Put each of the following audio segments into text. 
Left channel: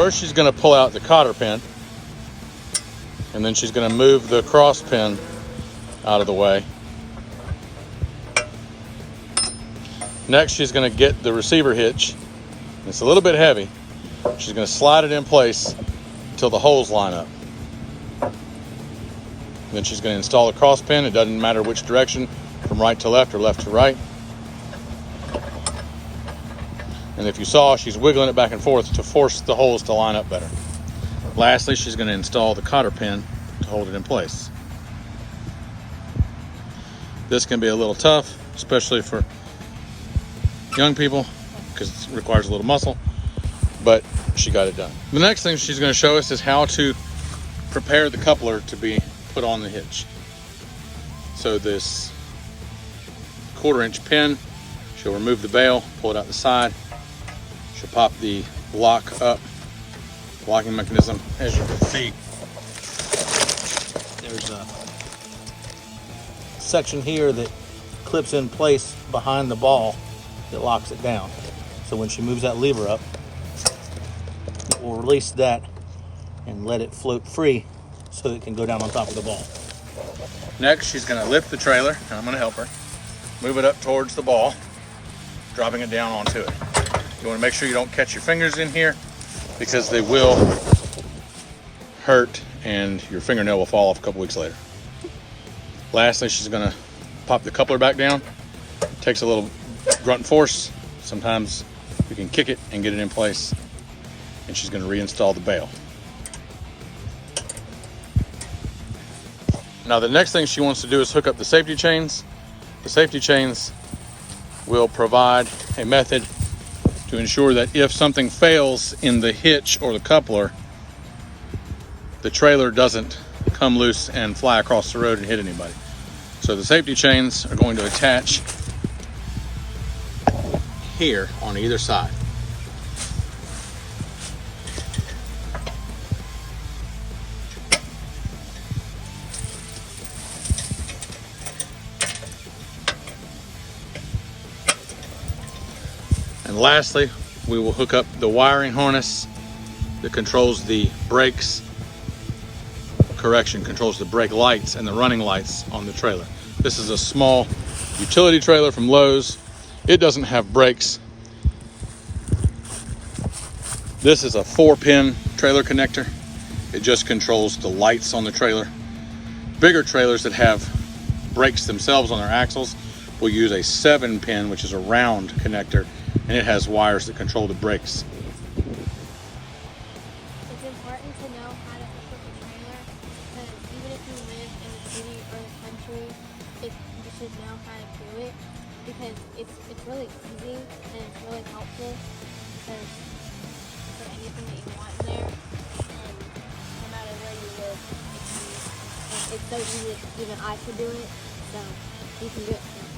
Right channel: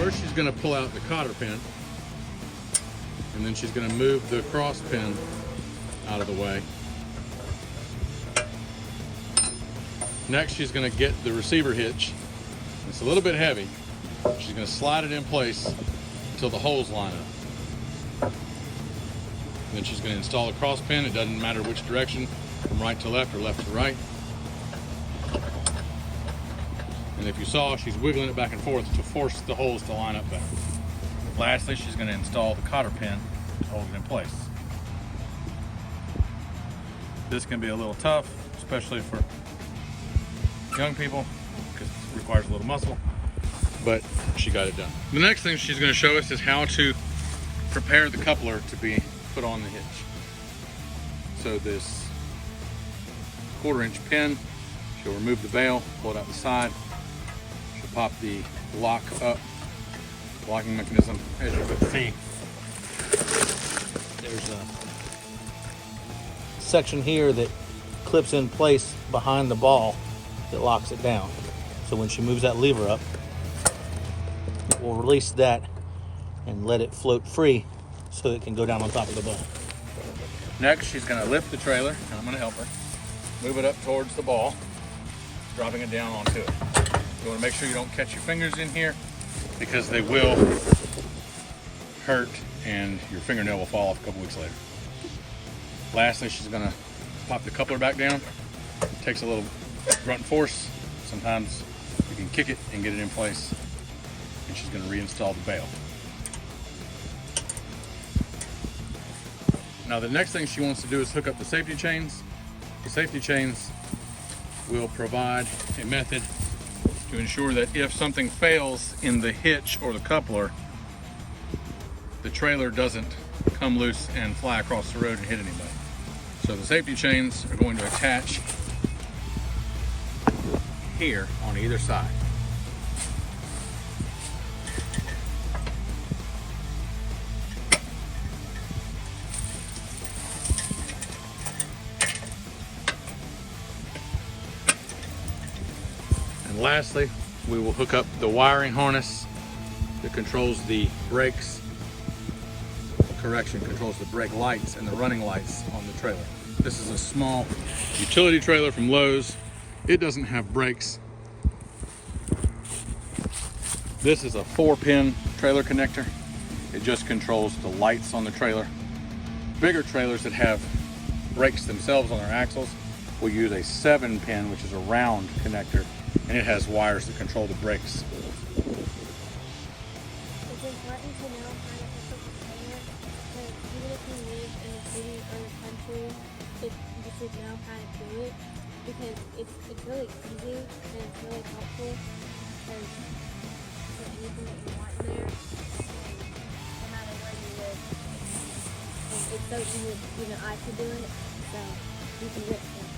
First, she's going to pull out the cotter pin, and then she's going to move the cross pin out of the way. Next, she's going to get the receiver hitch. It's a little bit heavy. She's going to slide it in place until the holes line up. Then she's going to install the cross pin. It doesn't matter which direction, from right to left or left to right. And if you saw, she's wiggling it back and forth to force the holes to line up better. Lastly, she's going to install the cotter pin to hold it in place. This can be a little tough, especially for young people, because it requires a little muscle, but she got it done. The next thing she's going to show us is how to prepare the coupler to be put on the hitch. So this 1/4-inch pin, she'll remove the bail, pull it out the side. She'll pop the lock up, locking mechanism. As you can see, there's a section here that clips in place behind the ball that locks it down. So when she moves that lever up, it will release that and let it float free so that it can go down on top of the ball. Next, she's going to lift the trailer, and I'm going to help her move it up towards the ball, dropping it down onto it. You want to make sure you don't catch your fingers in here, because they will hurt and your fingernail will fall off a couple weeks later. Lastly, she's going to pop the coupler back down. It takes a little grunt force. Sometimes you can kick it and get it in place. And she's going to reinstall the bail. Now the next thing she wants to do is hook up the safety chains. The safety chains will provide a method to ensure that if something fails in the hitch or the coupler, the trailer doesn't come loose and fly across the road and hit anybody. So the safety chains are going to attach here on either side. And lastly, we will hook up the wiring harness that controls the brakes, controls the brake lights and the running lights on the trailer. This is a small utility trailer from Lowe's. It doesn't have brakes. This is a 4-pin trailer connector. It just controls the lights on the trailer. Bigger trailers that have brakes themselves on their axles will use a 7-pin, which is a round connector, and it has wires that control the brakes. It's important to know how to hook up a trailer, because even if you live in the city or the country, you should know how to do it, because it's really easy and it's really helpful, because you put anything that you want in there, and no matter where you live, it's so easy that even I could do it, so you can do it too.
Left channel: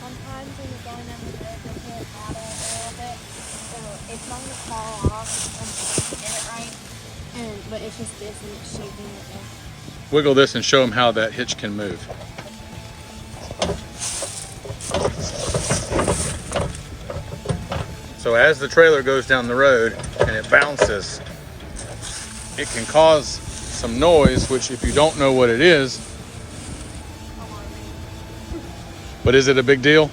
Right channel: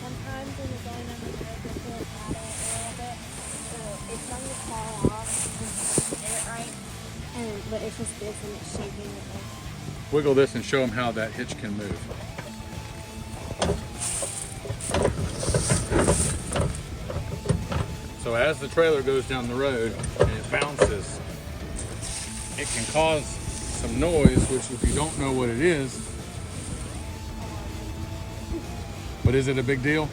Sometimes when you're going on the road, you can't paddle a little bit, so it's going to fall off and get it right. But it's just this, and it's shaping it this. Wiggle this and show them how that hitch can move. So as the trailer goes down the road and it bounces, it can cause some noise, which if you don't know what it is, but is it a big deal?